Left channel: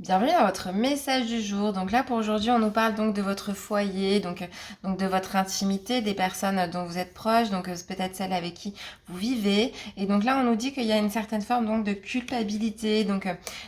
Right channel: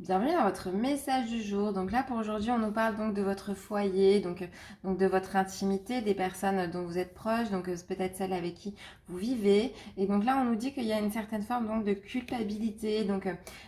Bienvenue dans votre message du jour. Donc là pour aujourd'hui on nous parle donc de votre foyer, donc de votre intimité, des personnes dont vous êtes proches, donc peut-être celles avec qui vous vivez. Et donc là on nous dit qu'il y a une certaine forme donc de culpabilité. Donc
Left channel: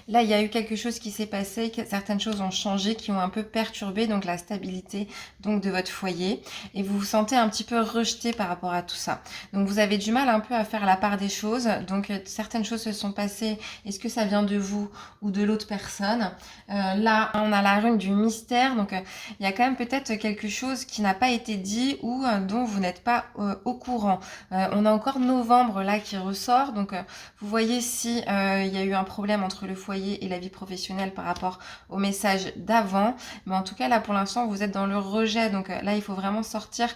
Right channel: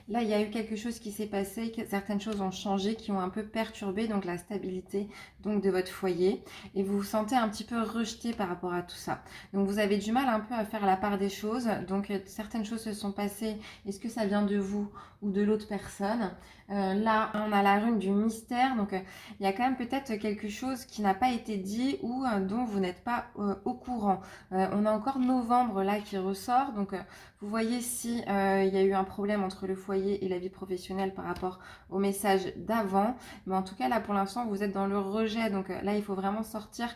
là il y a eu quelque chose qui s'est passé, que certaines choses ont changé, qui ont un peu perturbé donc la stabilité donc de votre foyer. Et vous vous sentez un petit peu rejeté par rapport à tout ça. Donc vous avez du mal un peu à faire la part des choses. Donc certaines choses se sont passées. Est-ce que ça vient de vous ou de l'autre personne? Là, on a la rune du mystère, donc il y a quand même peut-être quelque chose qui n'a pas été dit ou dont vous n'êtes pas au courant. On a encore novembre là qui ressort, donc vous voyez si il y a eu un problème entre le foyer et la vie professionnelle par rapport au message d'avant, mais en tout cas là pour l'instant vous êtes dans le rejet, donc là il faut vraiment sortir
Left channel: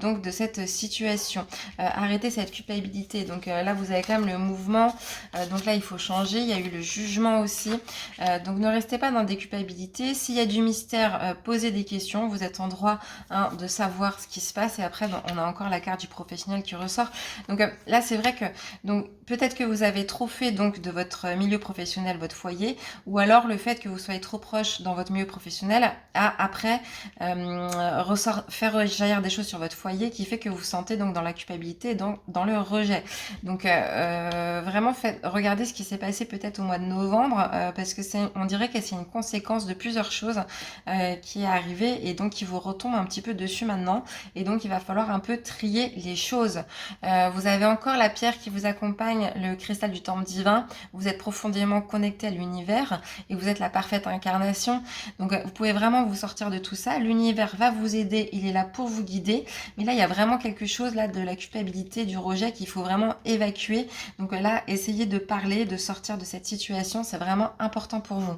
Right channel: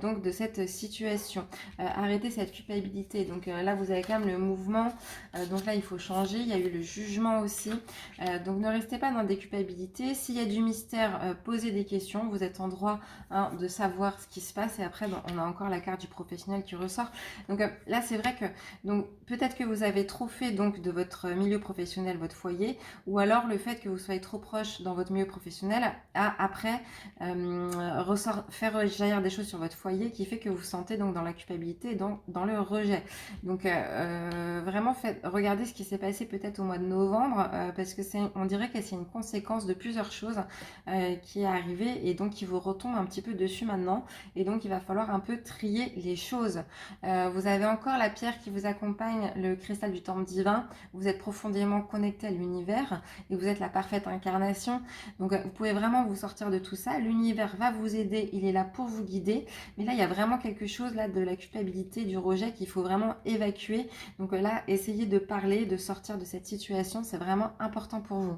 donc de cette situation, arrêter cette culpabilité. Donc là vous avez quand même le mouvement, donc là il faut changer. Il y a eu le jugement aussi. Donc ne restez pas dans des culpabilités. S'il y a du mystère, posez des questions. Vous êtes en droit de savoir ce qui se passe. Et après, on a encore la carte du professionnel qui ressort. Donc là, c'est vrai que donc peut-être que vous avez trop fait donc de votre milieu professionnel votre foyer, ou alors le fait que vous soyez trop proche dans votre milieu professionnel a après faire rejaillir des choses sur votre foyer qui fait que vous vous sentez donc dans la culpabilité, dans le rejet. Donc vraiment regardez ce qui s'est passé peut-être au mois de novembre, parce que on dirait que c'est une conséquence de plusieurs choses qui est arrivée et donc qui vous retombe un petit peu dessus maintenant. Et donc il va falloir un peu trier les choses. Vous avez encore la pierre qui vous accompagne, le cristal du temple divin. Vous êtes profondément connecté à l'univers et vous êtes la parfaite incarnation. Donc vous pouvez vraiment vous sortir de tout ça. L'univers va vous aider, il est là pour vous guider. Mais là, il y a vraiment quelque chose là de la culpabilité, du rejet qu'il faut vraiment évacuer. Donc là, essayez de parler, de sortir de cette situation. C'est vraiment important pour vous.